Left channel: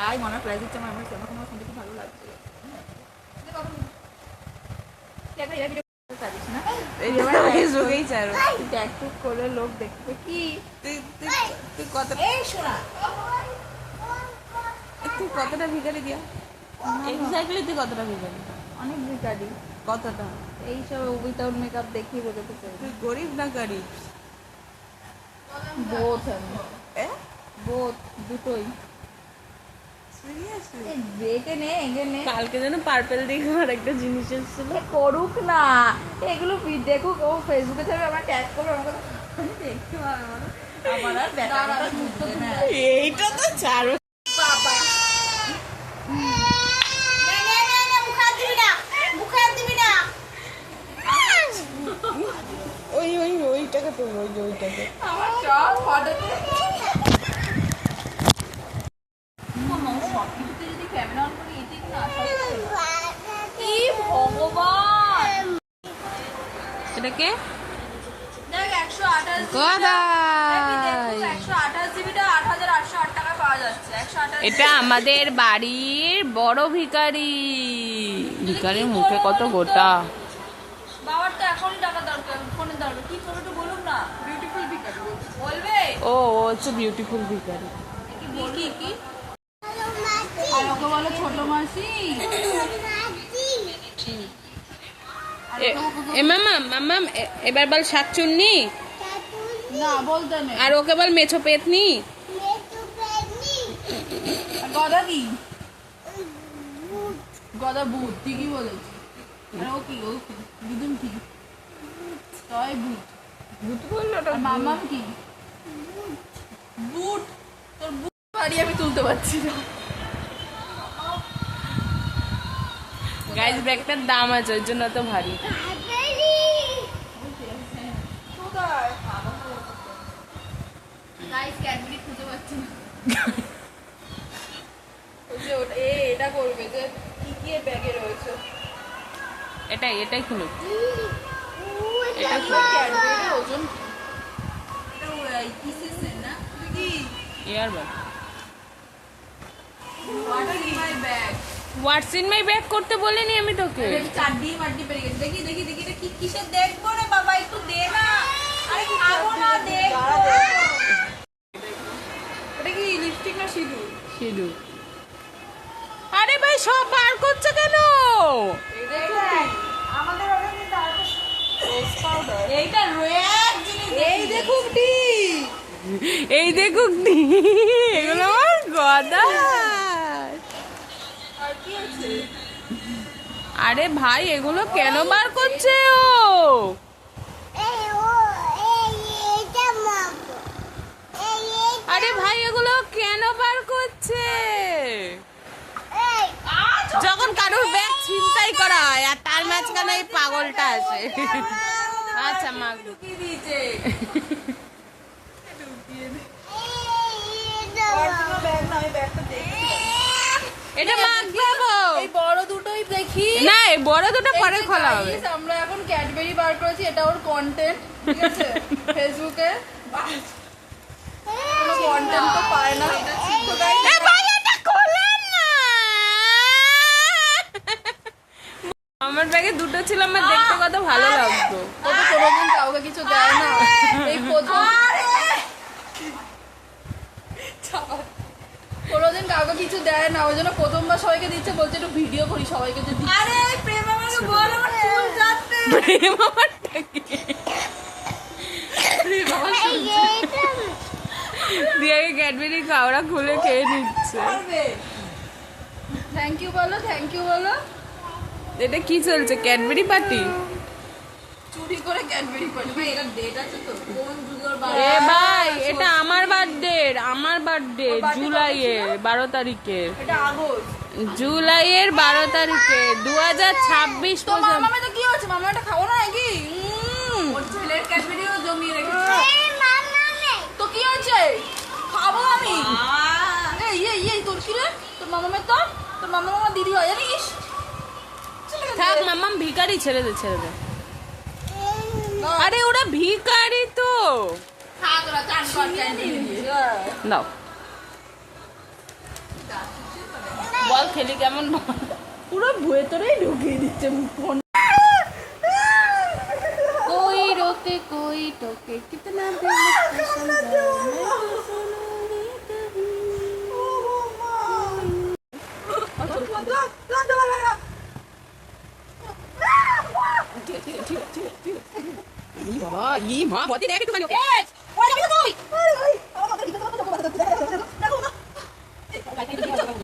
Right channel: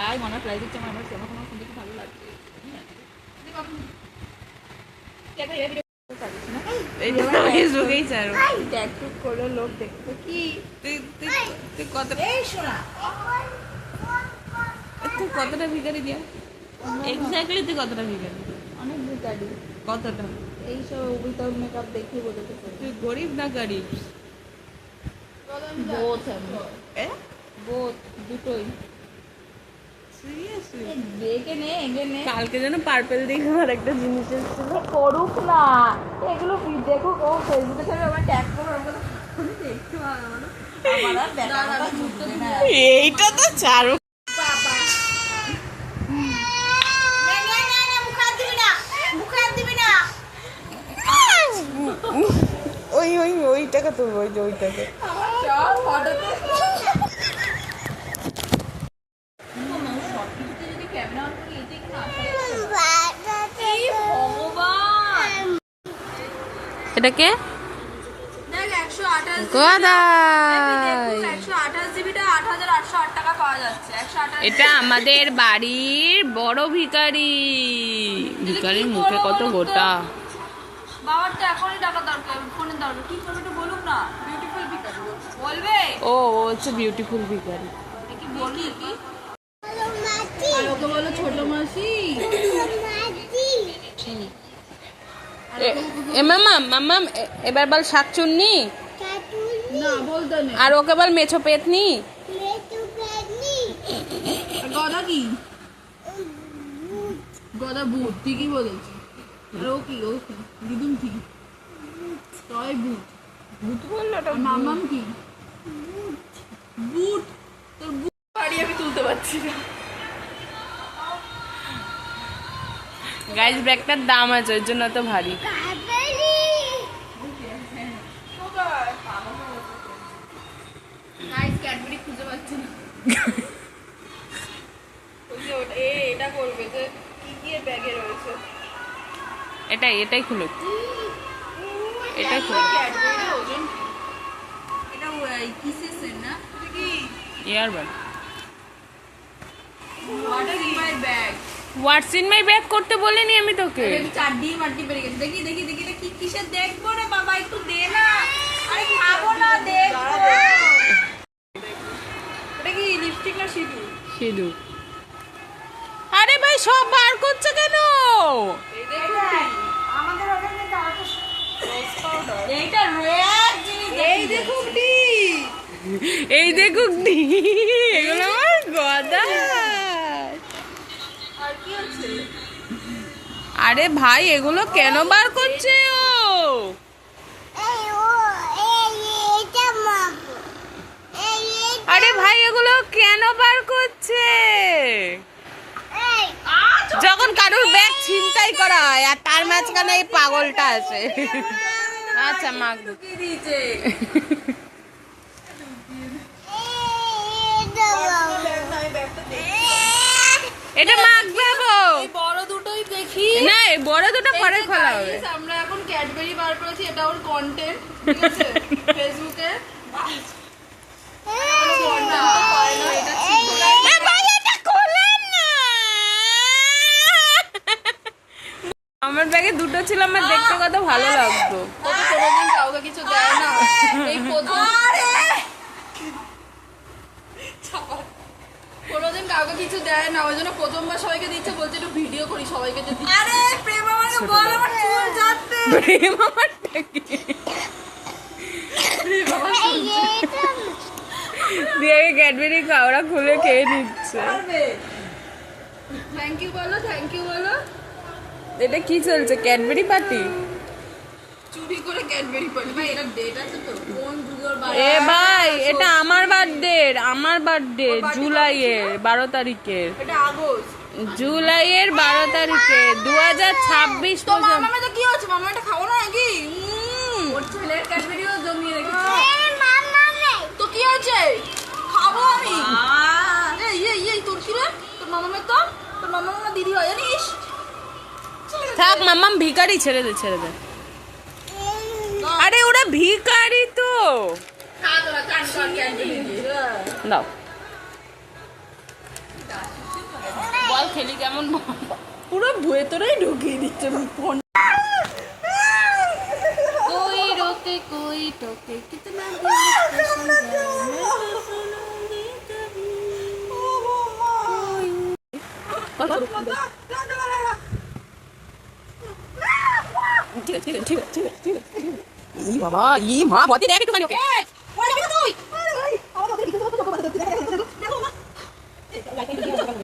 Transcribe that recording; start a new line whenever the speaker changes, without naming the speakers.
I মনে prize দিচ্ছে আমার আমার কোনো শুনতে কি ভালো লাগছে লোক কি?
তুই তুই তুই কতটা তুই কতটা ভিখারি দিয়া এক্স্যাক্টলি তুই কতটা ভিখারি?
অনেক ভিকারি
কতটা?
এইসব উইথাউট মেকআপ দেখি বোঝাতে চাই।
তুই গরিব না গরিব?
বোথ আমি। বোথ দুটোই
সিরিয়াসলি
এ, দেখে নে এগে নে
কালকে যেন পার্পেল দেখে আর একটা জিনিস এসেছিল।
করুক না। এগুলো দেখুক ও ফেসবুকে থাকবে আমার ট্যাগ করবে আমার কথা দেখতে পাবো আমার আমার আর না।
এইটা তো চারু
বাবা।
ওই ওই ওইটাকে তো ওই যে ওইটাকে।
আমার সব ফটোতে সব কিছুতে যদি ক্যামেরা অন করি এটাই কোনো আশা কি ভগবান
এটাকে
দেখ একশো আঠাশ
গদাই
একশো আঠাশ জিবিটা আট হাজার আটশো আট টাকা পাওয়া যাচ্ছে একশো আঠাশ
এটা আমাদের বাড়ির বড় ভিখারি। ভিখারির মুখে কত গোটা।
বাবার তো এখনই টাকা দরকার ফোনের দরকার। কি করবে তো বলুক না। বিউটিফুল ভিকারি বলবে?
ও ও হচ্ছে বিউটিফুল ভিখারি।
কি কি আর ওকে বলো ছোট মাসি
এ- এ মামাম মামাম এবার বল শাকচুন্নি?
না
আর ওকে বল মেছো পেতনি?
গদা কি গদা ভূত ঠিকই বলেছি। আর ও কি ও কি? দিদুন কি? তয় ভূত।
ভূত বলল
আর মামাম কি? বুট তোর বুট বাড়ি আমি তুলতে পারছি না।
গাইজ ব্যাগটার দাম আছে ওর জন্য তো ভারী।
গাইস ক্যাডবেরি খুঁজে পাচ্ছি না। ওই ওটা এ এটা করবে যে কি কি ব্যাগে রয়েছে।
এটাই এটাই খুলুক। এটাই খুলুক।
Bag
what's in my bag করতে বলিনি আমি তোকে?
এটা চারটি মাটি পেরে গেছে। দেখি দেখি দেখি এটা কি কিসের দেখব রে বাবা? একটু দে না। আরে খাব না দেখব। এটা কি লিপস্টিক না সিঁদুর?
আরে ভাই সব বার করছে কেন?
এই দেখুন আমাদের ওখানে রোজ পাউডার এইটা রেড জিনিস এই দেখুন টি
এই দেখুক দি। এগুলো আমার গদা।
আর
ভাই, এগুলো কেন বার করছে ও? আরে ভাই, এগুলো কেন বার করছে? যখন কারোর ব্যাগ ছিনতাই করা হয়, আর তার মাঝখানে এই পাগলটা আছে। আচ্ছা মা
দিয়েছে ব্যাগ না এই ব্যাগটা দেখি
এটা মাখবো
এই বড় দুটোই দেখি।
না এই বড় দুটো পরে খোলা হবে।
আমরা এখন ক্যাডবেরি বার করেছি এটা ওর কন্টেন্ট ঠিক আছে? ফেসবুকে কোনো কন্টেন্ট তো পায় না।
আমার ব্যাগে দুটো ছিল আমার দেখতে কত ভালো লাগতো।
ও তো কোনোদিন কাউকে কিছু দেয় না। এই প্রথম কোনোদিন কাউকে কিছু দেয় না ওই জন্য প্রথমবার সবাইকে দিচ্ছে বলছে একটু ভিডিও করি সবাইকে যে দিচ্ছি। আরে প্রেম আমাকে বল। আমার চুল কাটতে
প্রেম আমারটা কি? দিয়ে ক্যাডবেরি খাওয়া খুলে খেয়ে নিচ্ছে।
থ্যাংক ইউ বলো থ্যাংক ইউ বলো।
এটা কি চলছে ক্যাডবেরি পার্টি
চুরি করে ক্যাডবেরি ভাই এটা আছে তো কোন
এ ভাই এটা আমার বার্থডে আমার বার্থডে জুলাইয়ের বারো তারিখের।
এটা আগস্ট।
জুলাইয়ের বারো তারিখে দু হাজার ছাব্বিশ
তো মামামে কি হচ্ছে খাব কি আমি। তোর রে? তোর মামামের তো? তোর মামা মামা দিদি হয় জানিস?
থাক মাম্মাম ভিখারি ছেড়ে দে ছেড়ে দে। আরে ওরা ভিখারি
নাও।
বল খেলি কেমন?
পুরো ভেতরেই ঢুকিয়ে দিচ্ছে ফোন
কই রোকে কই টোকে ঠিক আছে ঠিক আছে ঠিক আছে ঠিক আছে।
ই বাবা, ই মা বতে দেখ একটু ওকে
ওই দেখো তুই আরে ভাই, আমার কথা দেখতে দেখো দেখো দেখো।